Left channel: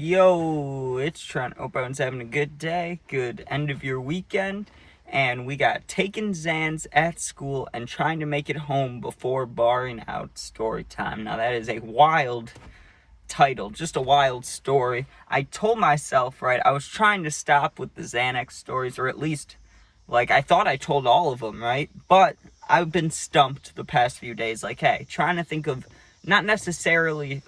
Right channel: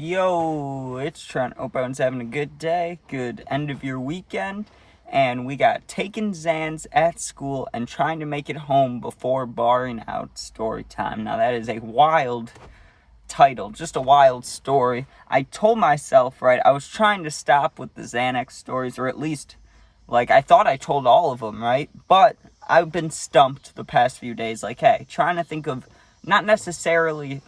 Yo, it's Trent. Hope everyone's having a good day, good end of your weekend. And we got taking Xans at school and trying to make it home before barring out story time. Now, that is a wild title, just a wild story. I told myself, right, I was trying to stop with the Xanax stories, or at least, I thought I told all of them, right? But I've been stumped the past few days, hey, trying to think of not necessarily,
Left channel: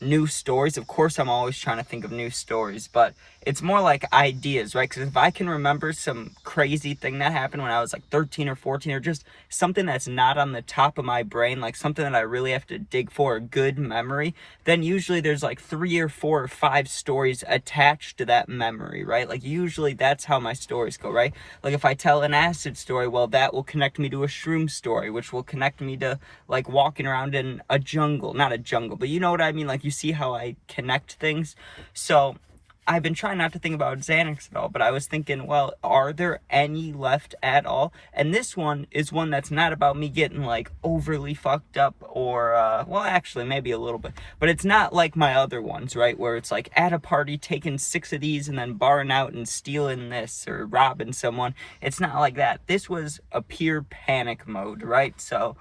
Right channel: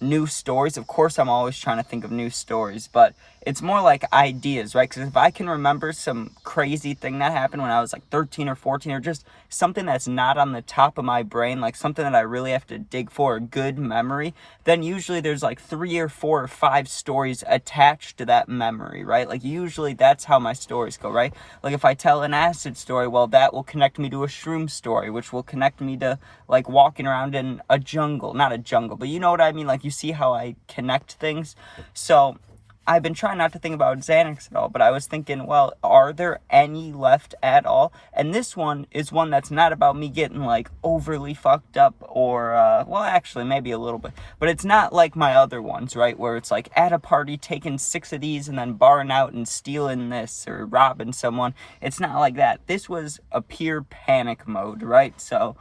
new stories. Of course, I'm always trying to think of new stories, but it's more like ideas, right? Because if I can remember some crazy thing that happened when I was 13 or 14, or just something that's not on the top of my brain, like something that I really have to dig for a good memory, then usually there's 3 or 4 or 5 stories attached to that memory, right? Usually that's how my stories go, right? If I tell an acid story, well, that will connect me to a shroom story, which will connect me to walking around in a jungle, not a jungle, but you know what I mean? You see how I connect things. So I've been trying not to think about Xanax at all, but I was thinking, well, are there any left at all? And this one is one that's not about me getting overly fucked up or, well, actually maybe a little bit, but it's not like my other ones, right? Where it's at a party taking 6 of these and then barring out and stealing this or robbing someone. It's not like that. This was a pure panic mode, right? So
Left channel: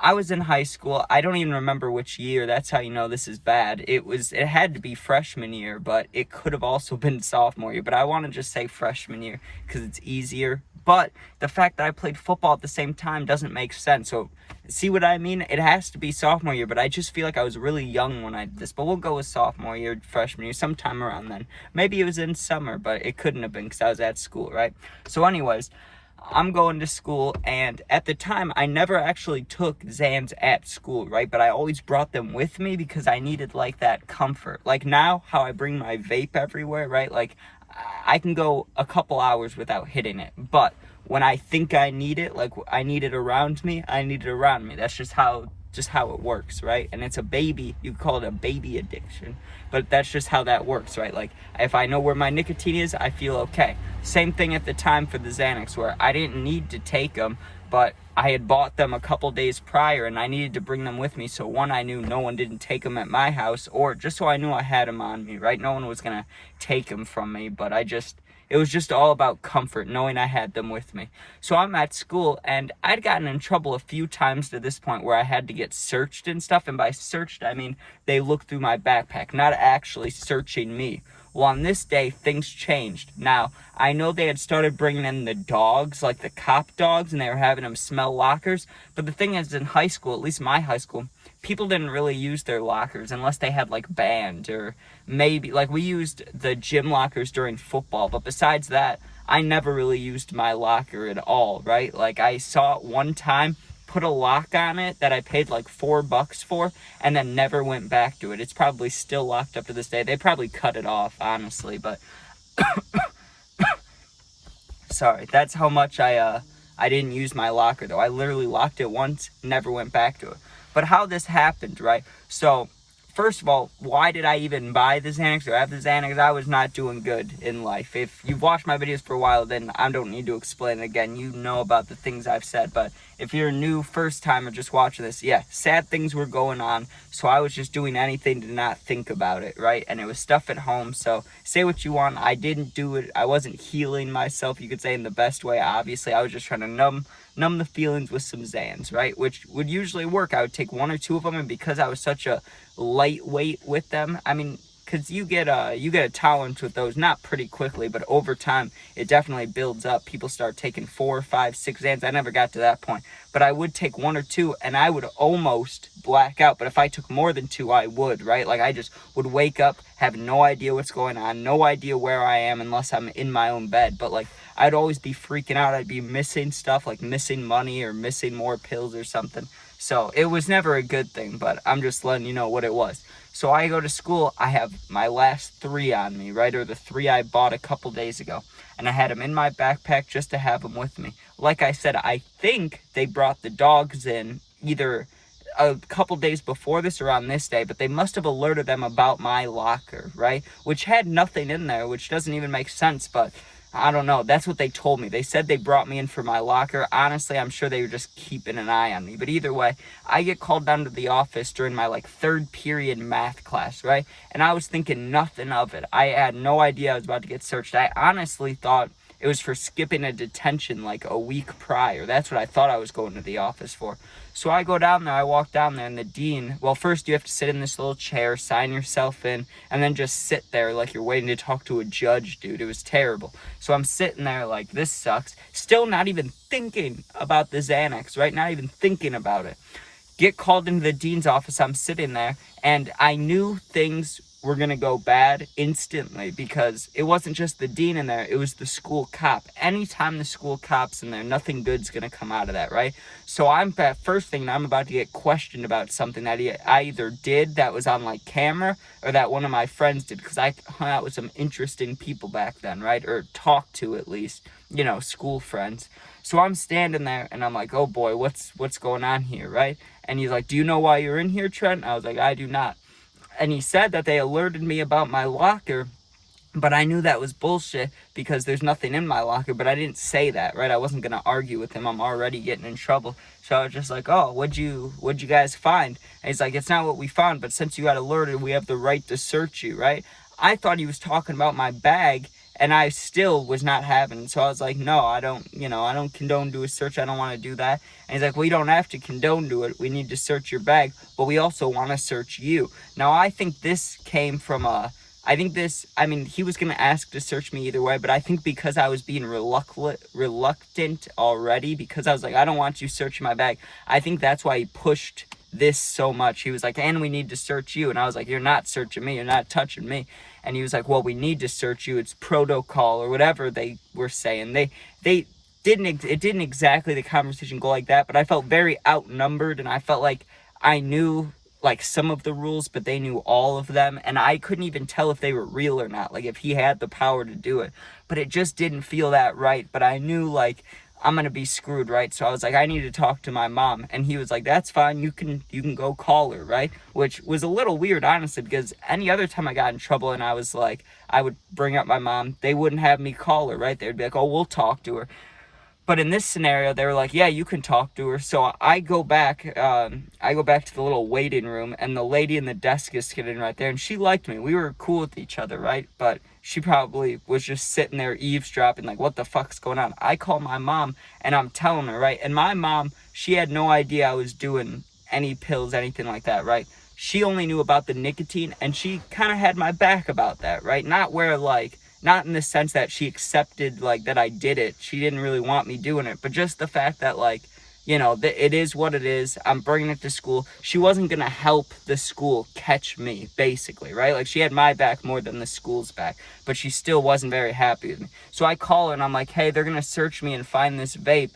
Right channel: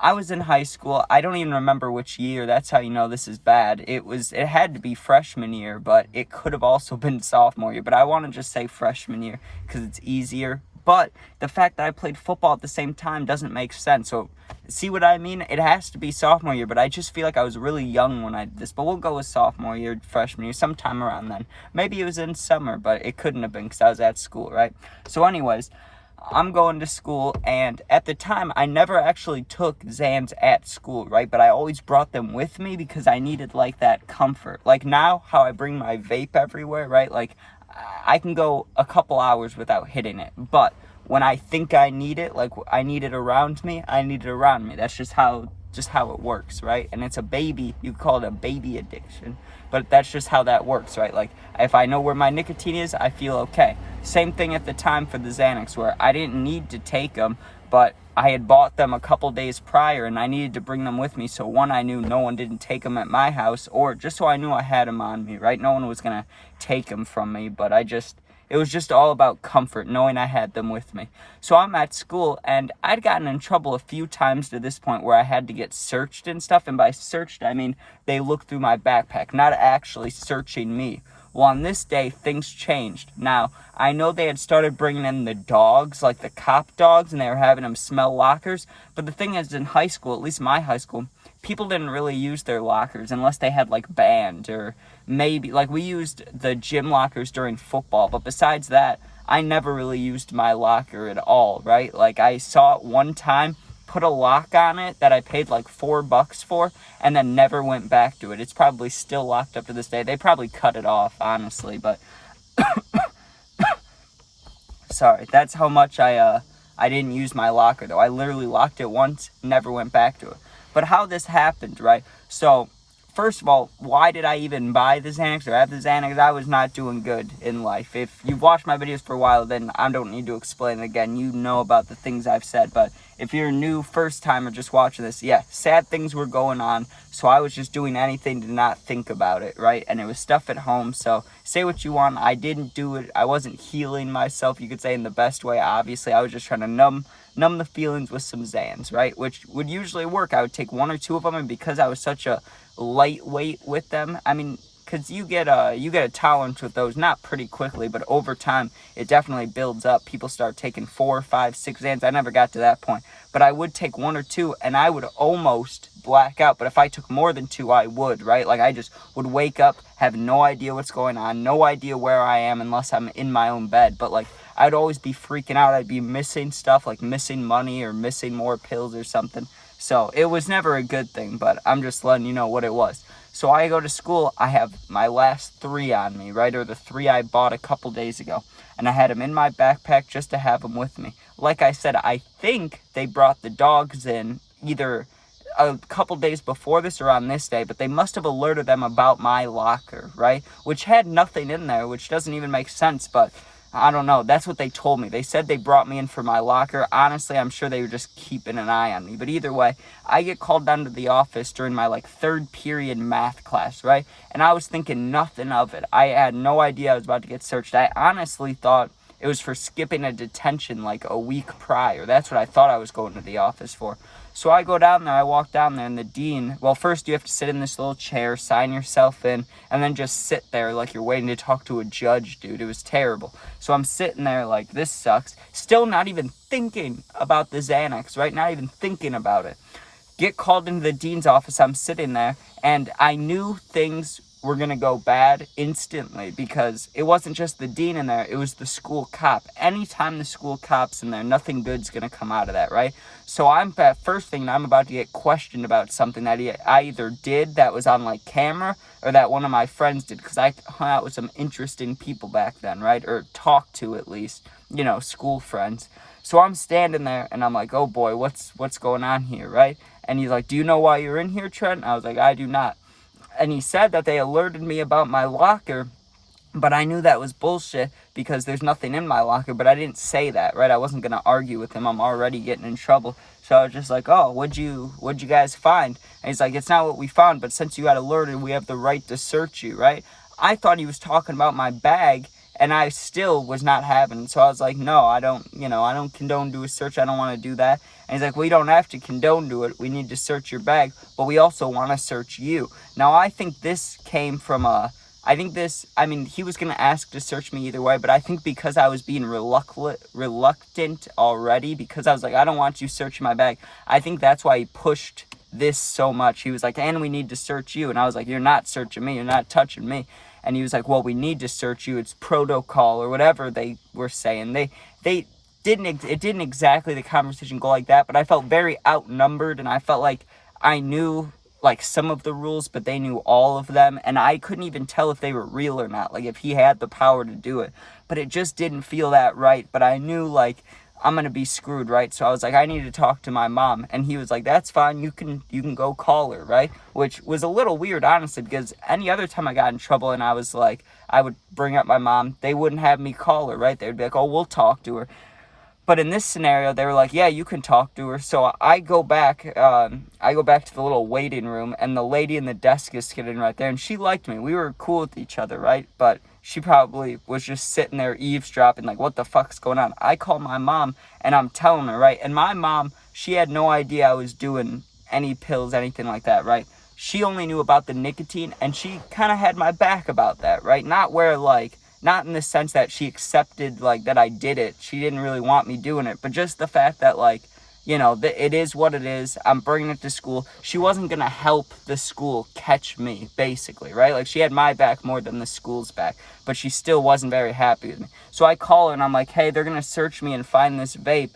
I was in high school. I don't even remember which year. That's how you know this is bad. It had to be freshman year, but it could have also been sophomore year. But I want to just say freshman year because it's easier. But the fact that I played football at the same time doesn't make sense. So see what I mean? It has to be sophomore year, but I just feel like I was really young when I did this. But we'll go with sophomore year, freshman year, sometime around then. Maybe it was in summer, but it couldn't have been because I was at school, right? So anyways, I'm going to school, and at the time, I never actually took Xans at school, right? But I always brought them with me because I needed, that comfort. Now, how I bring my vape everywhere, right? I can go a couple hours without hitting it, but when I think I need it, I need it around me, I need it around me. That's just how it works, right? And it's a baby, you call it a baby addiction, but that's just how that works, right? If I know where my nicotine is, I feel okay. Same thing at the time for the Xanax, where I didn't need to take them, but I had bought them a couple days prior and I needed to bring them with me. So one, I knew no one didn't take them at my house, or just so I knew I had them on me, right? No one was going to take them from me, but it was just all about comfort, knowing I had them with me. So I'm at school, and I'd gotten in trouble a few times to this point where I had to get searched and stuff. And by searched, I mean they looked through my backpack, not actually searching me. Well, on this day, things changed. Now, I know they had started bringing in the dogs, the cop dogs, and they were having them smell lockers. But the thing is, in high school, at least my high school, people didn't really use their lockers unless they had, band, or maybe, we used the gym lockers during football. But besides that, I never really used my locker at all, right? I saw it one time, put a lock on it that I paid $4 for, and then never went back to it. It's probably still locked up to this day. They probably cut it off, honestly, but sorry, that's how much I didn't use my locker, though. I literally locked it once, never went back to it. But how this happened, right? So first of all, why did I even buy the Xanax or have the Xanax? I was not doing good in life. If you've watched my videos for a while, then I don't need to explain it again. You know about the things I've said. But if you're a new first timer just watching this, yeah, sad things were going on. So I was just doing anything to not think about it, right? And it was stuff at home. So say what you want. I didn't do it. I wasn't healing myself, you could say, in the best way. Obviously, I was just trying to numb the feelings with some Xans, right? Which would usually work. I would take 1 or 2 of them, and because I was such a lightweight with them, I mean, because you get a tolerance with those, not pretty quickly, but over time it definitely builds up. People start taking 4, 5, 6 Xans. I never got to that point, but I would take 1 or 2 and I would almost black out. But if I took more than 2, I would, right? I just would wake up, have no idea what's going on, no idea where I am unless I'm in my own bed. But I'd always be freaking out. I'd be missing stuff, missing money or missing more pills or something. So it was never a good thing, but I'm just letting you know what it was. So I go to school, I have my last 3 on me, right? Or the 3 I bought a couple days ago. And I had them in my backpack just to have them with me. Like I said, I think they brought the dogs in either a couple days before this or on this day, but they must have alerted them about my locker, right? Which had nothing in there, which doesn't even make sense, but I don't know. That's what they told me. They said they brought me in for my locker. Honestly, I'm sure they were just keeping an eye on me. But either way, I get called down to the office during my third period math class, right? And I was thinking nothing of it. I had no idea I was about to get searched. I honestly thought it was for skipping a detention a week prior. That's what I thought I was going to the office for. So I go down there, I walk down there, and the dean, well, first you have to sit in this little chair, sign yourself in, and then just sit there like you're waiting to talk to a judge, dude. It was terrible. So I'm sitting there like, this sucks. Still not even thinking about the Xanax, right? Not even thinking about it. Get called into the dean's office. I'm sitting there, and I knew things were going to go bad instantly because it wasn't just the dean in there, it was the school cop. Anytime the school cop's in there, nothing good's going to come out of that, right? So I'm that first thing, I'm about to get questioned about something that I either did that was on camera or that one of my friends did, because I hung out with some interesting people back then, right? Or talked to, at least, school friends. So I'm standing there and I'm like, oh boy, what's going on here, right? And he's like, do you know why you're in here, Trent? I was like, I do not. And he said that they alerted me about my locker, but I knew that was bullshit because there's nothing in my locker, but I didn't say that, right? I wasn't going to argue with him. I'm already getting in trouble. So I was just like, oh, what'd you guys find? And he's like, it's not what we found, but since you got alerted, we have the right to search you, right? I thought he was talking about my bag, and I still was not having it. So I was like, no, I don't condone do a search. I don't want to do that. And he's like, we don't have to condone do it. We need to search your bag, but we also want to search you. Now, I think this came from he was going to ask to search me either way, but I think because I was being reluctant already, because I was like, I don't want you searching my bag, I think that's why he pushed this so much. He was like, and we need to search you. And I was like, you're not searching me. You're not touching me. And he was like, well, we need to search you. It's protocol or whatever they were saying. It didn't exactly, the conversation go like that, but I felt very outnumbered, and I felt like I knew some of the rules, but they knew all of them, and I couldn't even tell if they were real or not, if he had the power to do it. But it just didn't feel that right. But I knew I'm gonna be screwed, right? So I was like, I need to talk to my mom. And he was like, that's fine, you can go call her, right? Which was a little weird, honestly, because any other time I got in trouble and I was like, I would bring up my mom, they wouldn't have me call her, right? They would be like, oh, we'll talk to her. But in this scenario, they were like, yeah, you can talk to her. So I go back to the little waiting room, and the lady in the desk is sitting right there, and she liked me. We were cool with each other, right? But she probably was just sitting there eavesdropping, what the fuck's going on? I call my mom, and I'm telling her, right? And my mom, she had no idea I was doing any pills, anything like that, right? She only knew about the nicotine, and she kind of had my back about that, right? Not in the sense that she accepted, that I did it. She didn't really want me doing it. But just the fact that, it is what it is. I'm bringing it to school. She wasn't going to help the school catch me, basically, right? She had my back more than the school's back. But she still wasn't very happy with me. So I call her, and I'm like, hey, they're going to search me and find this vape.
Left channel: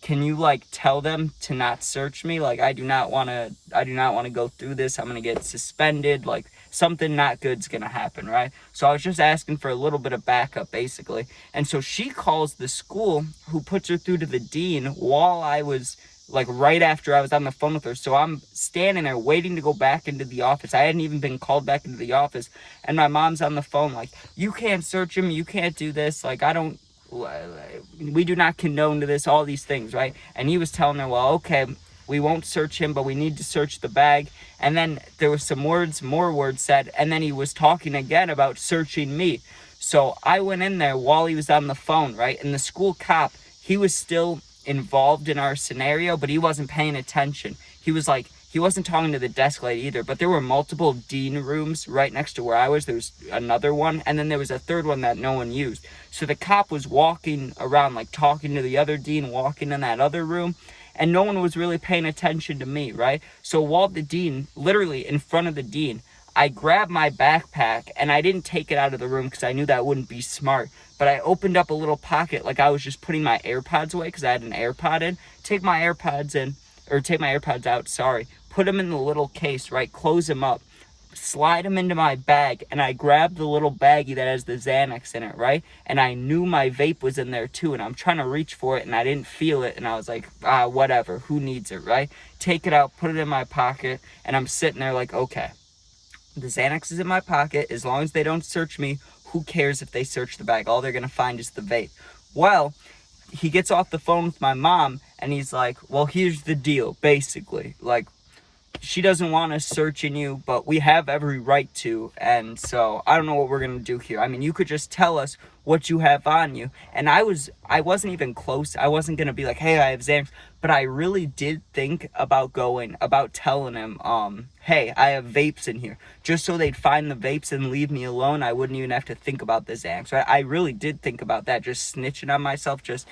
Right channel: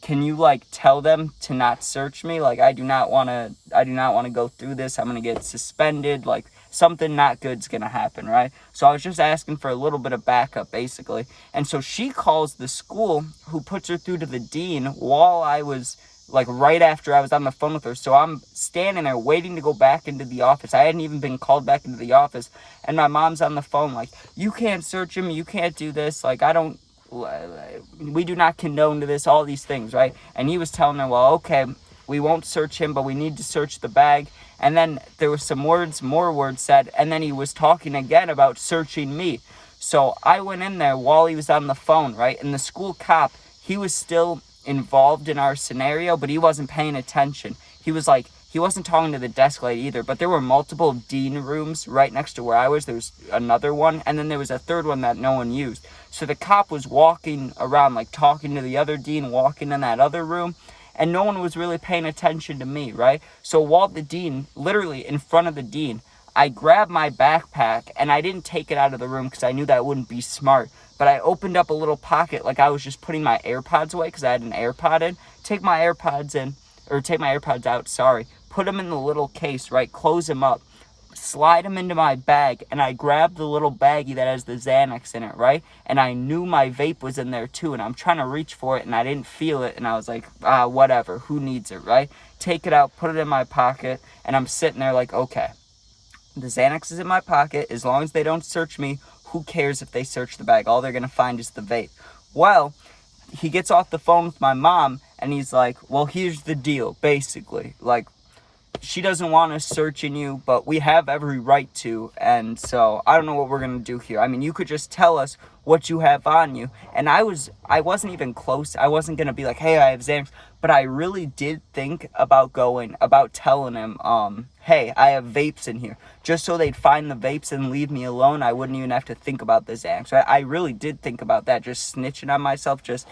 Can you, tell them to not search me? I do not want to go through this. I'm going to get suspended. Something not good's gonna happen, right? So I was just asking for a little bit of backup, basically. And so she calls the school, who puts her through to the dean while I was, right after I was on the phone with her. So I'm standing there waiting to go back into the office. I hadn't even been called back into the office. And my mom's on the phone, you can't search him, you can't do this, we do not condone to this, all these things, right? And he was telling her, well, okay, we won't search him, but we need to search the bag. And then there was more words said, and then he was talking again about searching me. So I went in there while he was on the phone, right? And the school cop, he was still involved in our scenario, but he wasn't paying attention. He wasn't talking to the desk lady either, but there were multiple dean rooms right next to where I was. There was another one, and then there was a third one that no one used. So the cop was walking around, talking to the other dean, walking in that other room, and no one was really paying attention to me, right? So while the dean, literally in front of the dean, I grabbed my backpack, and I didn't take it out of the room because I knew that wouldn't be smart. But I opened up a little pocket, I was just putting my AirPods away because I had an AirPod in. Take my AirPods out, sorry. Put them in the little case, right? Close them up. Slide them into my bag, and I grabbed the little baggie that has the Xanax in it, right? And I knew my vape was in there too, and I'm trying to reach for it, and I didn't feel it, and I was like, whatever, who needs it, right? Take it out, put it in my pocket, and I'm sitting there okay, the Xanax is in my pocket. As long as they don't search me, who cares if they search the bag? All they're going to find is the vape. Well, he gets off the phone with my mom, and he's like, well, here's the deal, basically. Like, she doesn't want us searching you, but we have every right to, and so I don't know what we're going to do here. I mean, you could just tell us what you have on you. And I wasn't even close. I wasn't going to be like, hey, I have Xans, but I really did think about telling him, hey, I have vapes in here, just so they'd find the vapes and leave me alone. I wouldn't even have to think about the Xans. I really did think about that, just snitching on myself, just,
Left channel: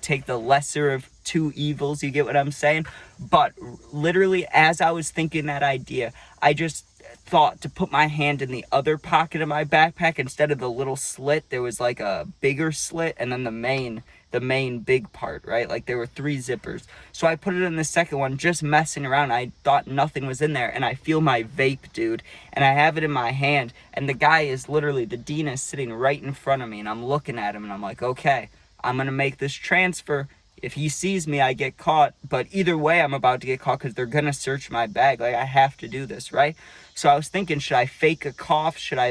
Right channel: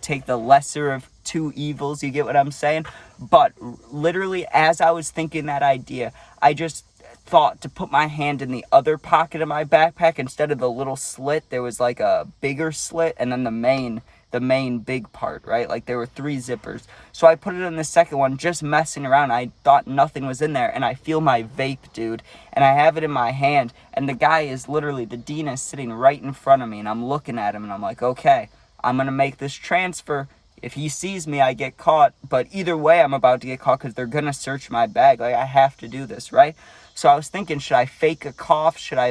take the lesser of two evils, you get what I'm saying? But literally, as I was thinking that idea, I just thought to put my hand in the other pocket of my backpack. Instead of the little slit, there was like a bigger slit, and then the main big part, right? Like there were 3 zippers. So I put it in the second one, just messing around. I thought nothing was in there, and I feel my vape, dude, and I have it in my hand, and the guy is literally, the dean is sitting right in front of me, and I'm looking at him, and I'm like, okay, I'm gonna make this transfer. If he sees me, I get caught. But either way, I'm about to get caught because they're going to search my bag. Like, I have to do this, right? So I was thinking, should I fake a cough? Should I,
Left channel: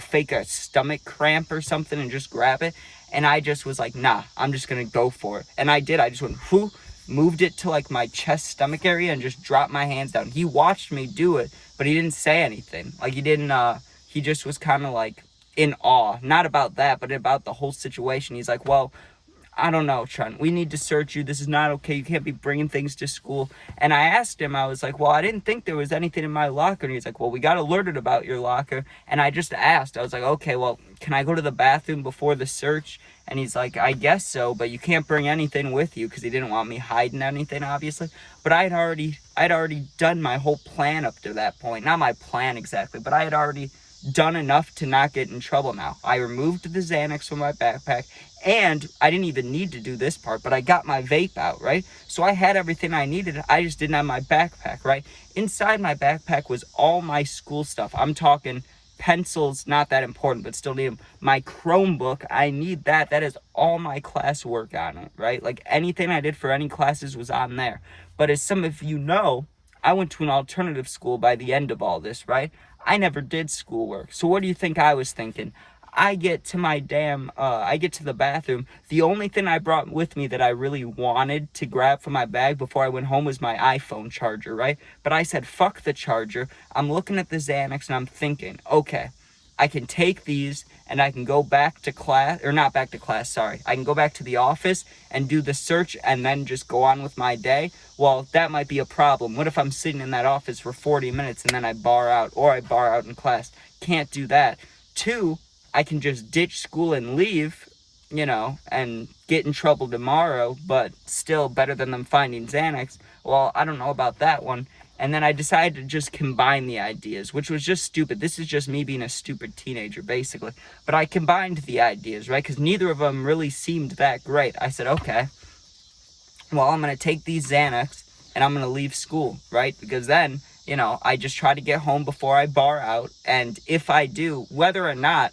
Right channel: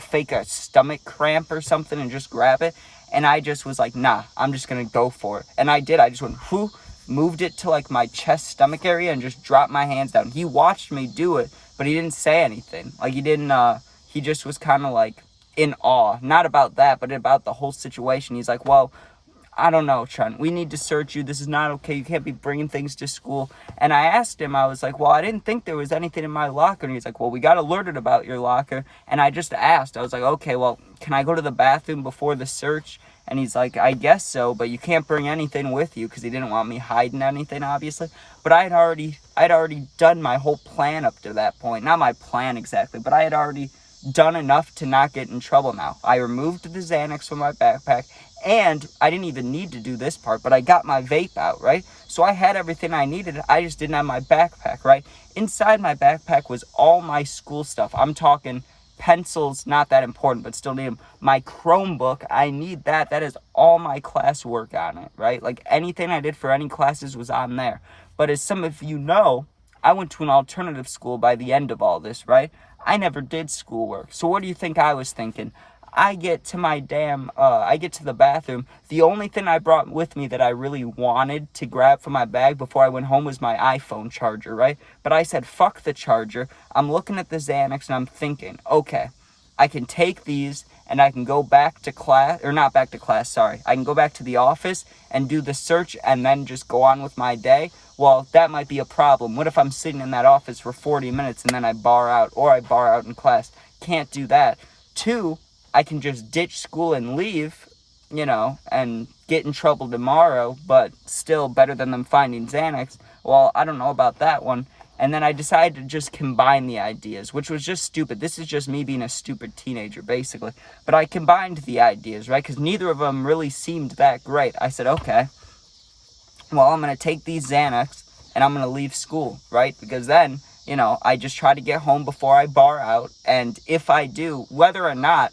fake a stomach cramp or something and just grab it? And I just was like, nah, I'm just going to go for it. And I did. I just went, whoo, moved it to, my chest, stomach area and just dropped my hands down. He watched me do it, but he didn't say anything. He just was kind of, in awe. Not about that, but about the whole situation. He's like, well, I don't know, Trent, we need to search you. This is not okay. You can't be bringing things to school. And I asked him, I was like, well, I didn't think there was anything in my locker. And he's like, well, we got alerted about your locker. And I just asked, I was like, okay, well, can I go to the bathroom before the search? And he's like, I guess so, but you can't bring anything with you, because he didn't want me hiding anything, obviously. But I'd already done my whole plan up to that point. Not my plan exactly, but I had already done enough to not get in trouble now. I removed the Xanax from my backpack, and I didn't even need to do this part, but I got my vape out, right? So I had everything I needed. I just didn't have my backpack, right? Inside my backpack was all my school stuff. I'm talking pencils, not that important, but still need them. My Chromebook, I need that. That is all my classwork on it, right? Like anything I did for any classes was on there. But as some of you know, I went to an alternative school by the end of all this, right? I never did schoolwork. So what do you think I was thinking? I get to the bathroom. The only thing I brought with me that I really wanted to grab from my bag before I went home was my iPhone charger, right? But I said, fuck the charger. I'm looking at the Xanax and I'm thinking, okay, I can take these and I can go back to class, or not back to class, sorry. I can go back to the office and do the search and then just go on with my day. Well, that might be a problem. What if I'm sitting in that office for 40 minutes and then I bar out, or I bar out in class? Can't do that. 2, I can just ditch school and leave, and get in trouble tomorrow, but still better than them finding Xanax. Well, I don't know about that one. And then I decided to just combine the ideas, which was just stupid. This is just me being a stupid teenager, basically. But I combined the ideas, right? Because neither of them really seemed that great. I said, okay, well, I'm going to take these Xanax and I'm going to leave school, right? Because then, I just try to get home before I bar out. And if I do, whether or not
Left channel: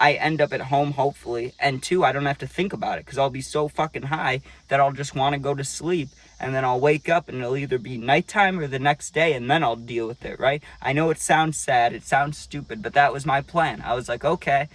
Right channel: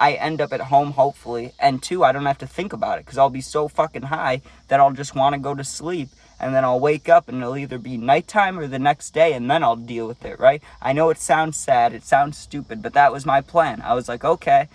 I end up at home, hopefully, and 2, I don't have to think about it because I'll be so fucking high that I'll just want to go to sleep, and then I'll wake up and it'll either be nighttime or the next day, and then I'll deal with it, right? I know it sounds sad, it sounds stupid, but that was my plan. I was like, okay,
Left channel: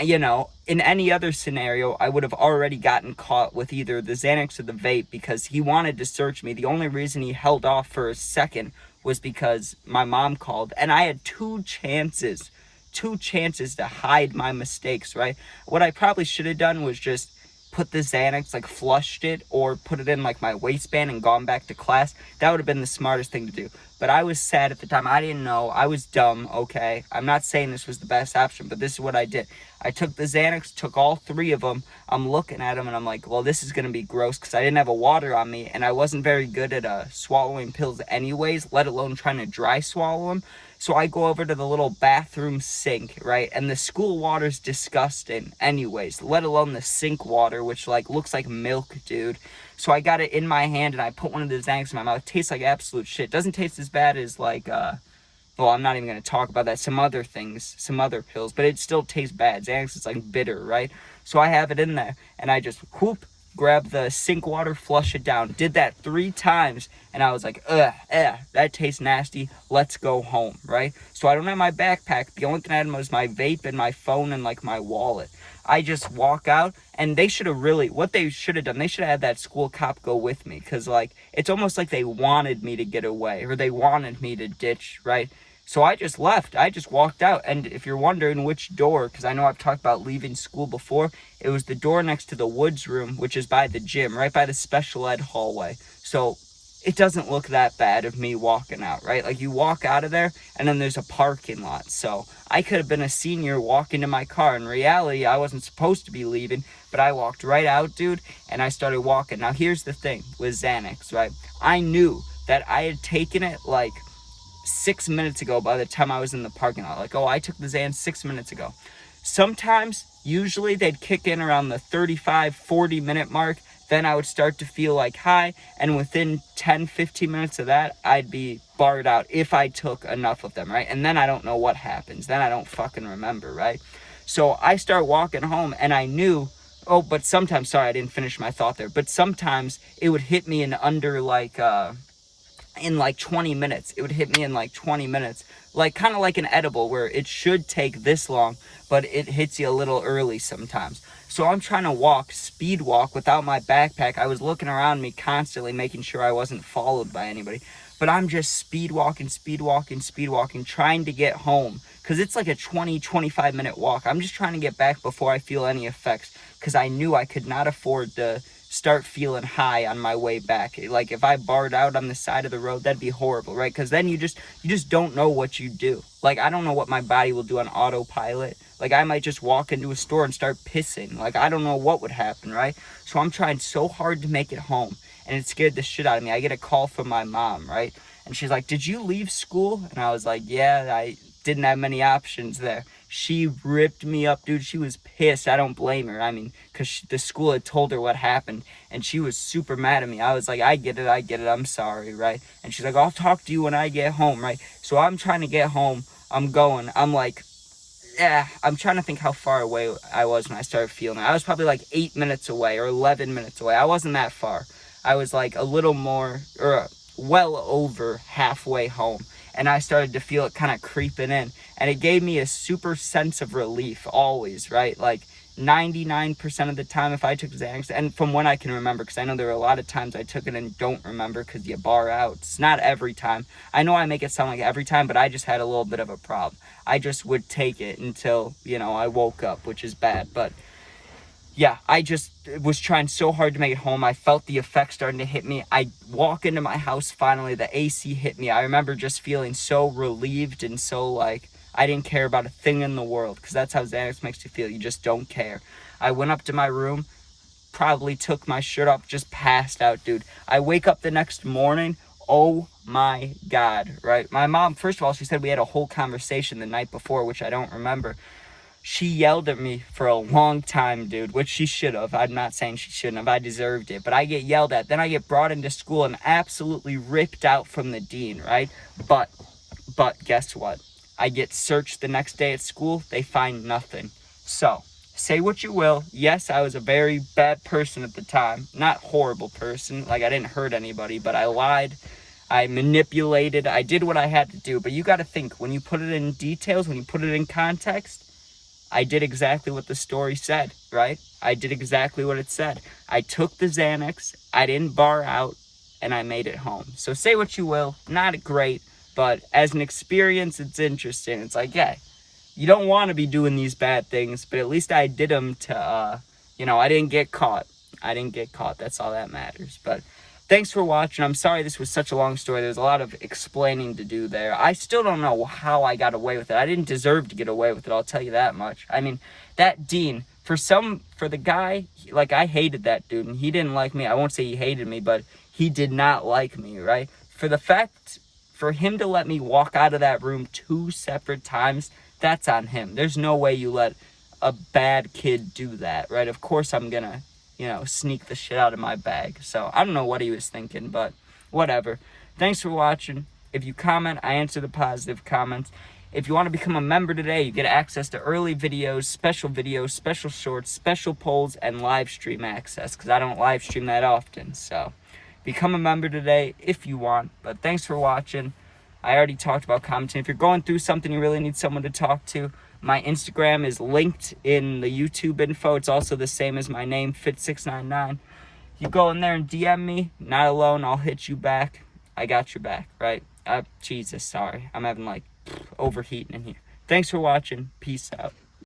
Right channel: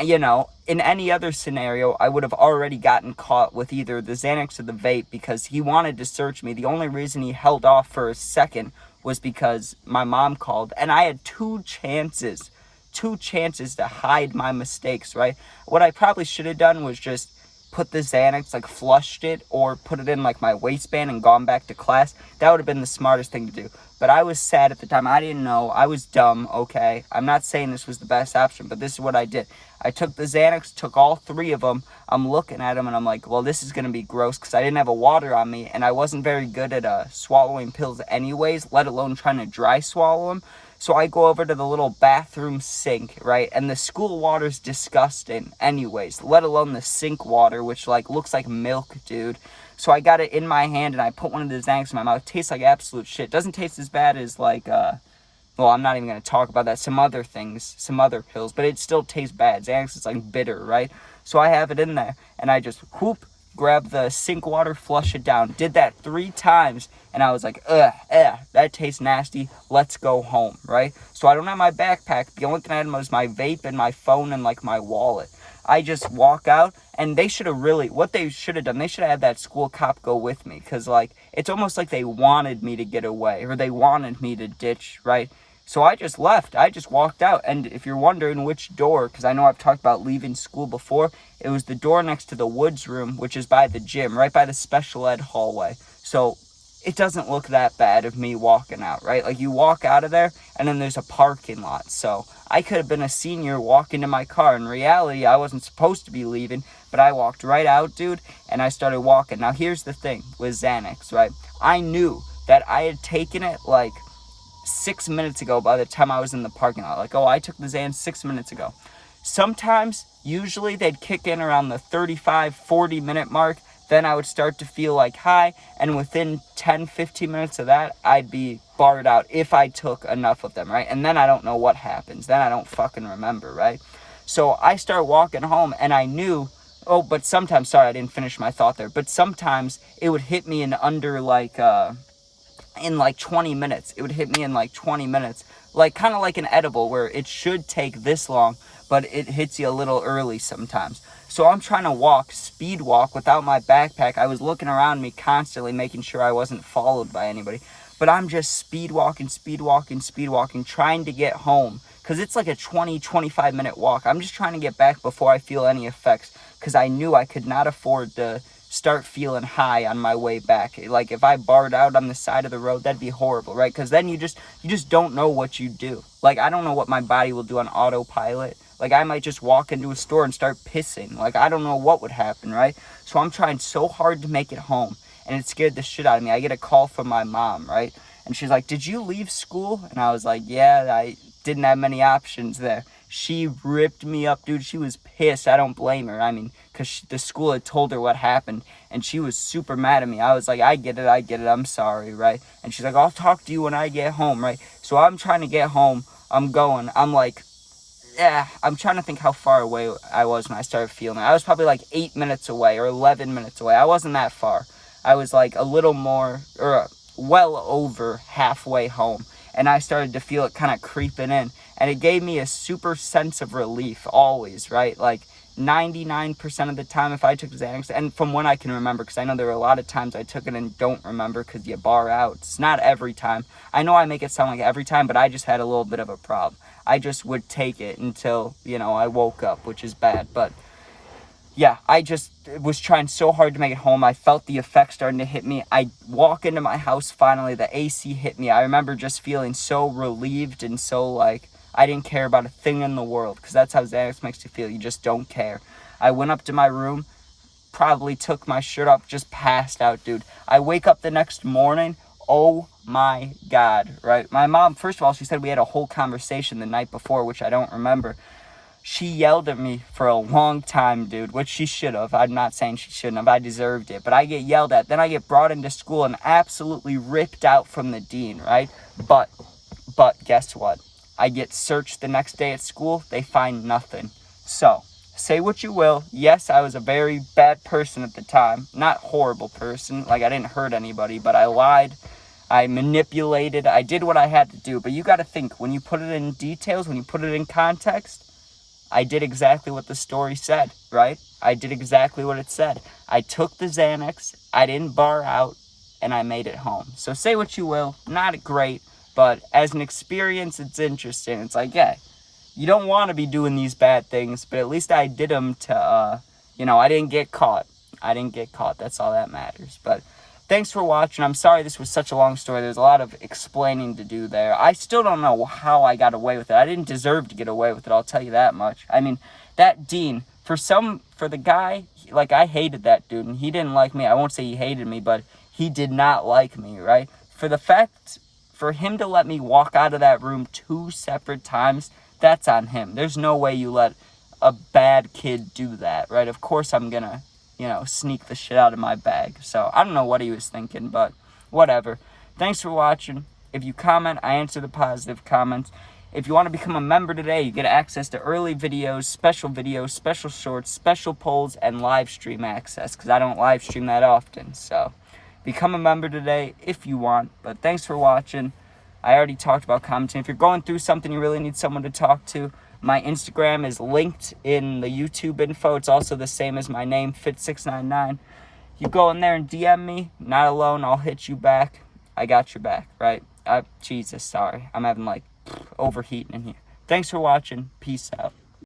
in any other scenario, I would have already gotten caught with either the Xanax or the vape because he wanted to search me. The only reason he held off for a second was because my mom called, and I had two chances to hide my mistakes, right? What I probably should have done was just put the Xanax, flushed it, or put it in, my waistband and gone back to class. That would have been the smartest thing to do. But I was sad at the time. I didn't know. I was dumb, okay? I'm not saying this was the best option, but this is what I did. I took the Xanax, took all 3 of them. I'm looking at them, and I'm like, well, this is going to be gross because I didn't have a water on me, and I wasn't very good at swallowing pills anyways, let alone trying to dry swallow them. So I go over to the little bathroom sink, right? And the school water's disgusting anyways, let alone the sink water, which, looks like milk, dude. So I got it in my hand, and I put one of the Xanax in my mouth. It tastes like absolute shit. Doesn't taste as bad as, well, I'm not even going to talk about that. Some other things, some other pills, but it still tastes bad. Xanax is, bitter, right? So I have it in there, and I just, whoop, grab the sink water, flush it down. Did that 3 times, and I was like, that tastes nasty. Let's go home, right? So I don't have my backpack. The only thing I had was my vape and my phone and like my wallet. I just walk out, and they should have what they should have done, they should have had that school cop go with me, because like it's almost like they wanted me to get away, or they wanted me to ditch, right? So I just left. I just walked out. And if you're wondering which door, because I know I've talked about leaving school before, it was the door next to the woods room, which is by the gym, right by the special ed hallway. So it doesn't look that bad of me walking out, right? Like, you walk out of there, and then there's a parking lot. So I could have been a senior walking to my car. In reality, I wasn't supposed to be leaving, but I walked right out, dude, and I started walking. Now, here's the thing with Xanax, right? I knew that I had taken it, like, 6 minutes ago by the time I was in the parking lot. Like, oh, I took the Xans 6 minutes ago. Sometimes, usually, they'd kick in around the 35, 40-minute mark. Then I would start to feel like high, and within 10, 15 minutes of that, I'd be barred out if I took enough of them, right? And then I don't know what happens. Then I don't fucking remember, right? So I start walking home, and I knew, but sometimes, sorry, I didn't finish my thought there, but sometimes it would hit me in under, like, in like 20 minutes. It would hit me in like 20 minutes. Like, kind of like an edible, where it should take this long, but it hits you a little early sometimes. So I'm trying to speed walk without my backpack. I was looking around me constantly, making sure I wasn't followed by anybody. But I'm just speed walking, trying to get home. Because it's like a 20, 25-minute walk. I'm just trying to get back before I feel any effects. Because I knew I could not afford to start feeling high on my way back. Like, if I barred out on the side of the road, that'd be horrible, right? Because then you just don't know what you do. Like, I don't know what my body will do on autopilot. Like, I might just walk into a store and start pissing. Like, I don't know what would happen, right? So I'm trying so hard to make it home, and it scared the shit out of me. I get a call from my mom, right? And she's like, did you leave school? And I was like, yeah, I didn't have many options there. She ripped me up, dude. She was pissed. I don't blame her. I mean, because the school had told her what happened, and she was super mad at me. I was like, I get it. I'm sorry, right? And she's like, I'll talk to you when I get home, right? So I'm trying to get home. I'm like, I'm trying to think how far away I was when I started feeling it. I was probably like 8 minutes away or 11 minutes away. I wasn't that far. I was like a little more, or well over halfway home. And I started to feel it kind of creeping in. And it gave me a super sense of relief always, right? Like 99% of the time if I took Xanax, and from when I can remember, because I know there are a lot of times I took it and don't remember because you bar out. It's not every time. I know I make it sound like every time, but I just had a little bit of a problem. I just would take it until, I woke up, which is bad. But yeah, I just was trying so hard to make it home. I felt the effects starting to hit me. I walk into my house finally, the AC hit me. I remember just feeling so relieved and so like I didn't care about a thing in the world, because that's how Xanax makes you feel. You just don't care. I went up to my room, probably took my shirt off, just passed out, dude. I wake up the next morning, oh my God, right? My mom, first of all, she said we had a whole conversation the night before, which I don't remember. She yelled at me for a long time, dude, which she should have. I'm not saying she shouldn't have. I deserved it. But I get yelled at. Then I get brought into school and absolutely ripped out from the dean, right? But guess what? I get searched the next day at school. They find nothing. So, say what you will. Yes, I was a very bad person at the time. Not horrible person. Like, I didn't hurt anybody, but I lied. I manipulated. I did what I had to do. But you got to think, when you put it in details, when you put it in context, I did exactly what the story said, right? I did exactly what it said. I took the Xanax, I didn't bar out, and I made it home. So say what you will, not great, but as an experience, it's interesting. It's like, yeah, you don't want to be doing these bad things, but at least I did them to, I didn't get caught. That's all that matters. But thanks for watching. I'm sorry this was such a long story. There's a lot of explaining to do there. I still don't know how I got away with it. I didn't deserve to get away with it, I'll tell you that much. I mean, that dean, for the guy, like, I hated that dude, and he didn't like me. I won't say he hated me, but he did not like me, right? For him to let me walk out of that room 2 separate times, that's on him. There's no way you let a bad kid do that, right? Of course I'm gonna sneak the shit out of my bag. So I don't know what he was thinking, but whatever. Thanks for watching. If you comment, I answer the positive comments. If you want to become a member today, you get access to early videos, special shorts, special polls, and live stream access, because I don't live stream that often. So become a member today if you want. But thanks for watching. I already talked about commenting. If you're going through something you really need someone to talk to, my Instagram is linked in the YouTube info. It's also the same as my name, Fit699. You go in there and DM me. Not alone. I'll hit you back. I got your back, right? Jesus, sorry. I'm having overheating in here. Thanks for watching. Peace out.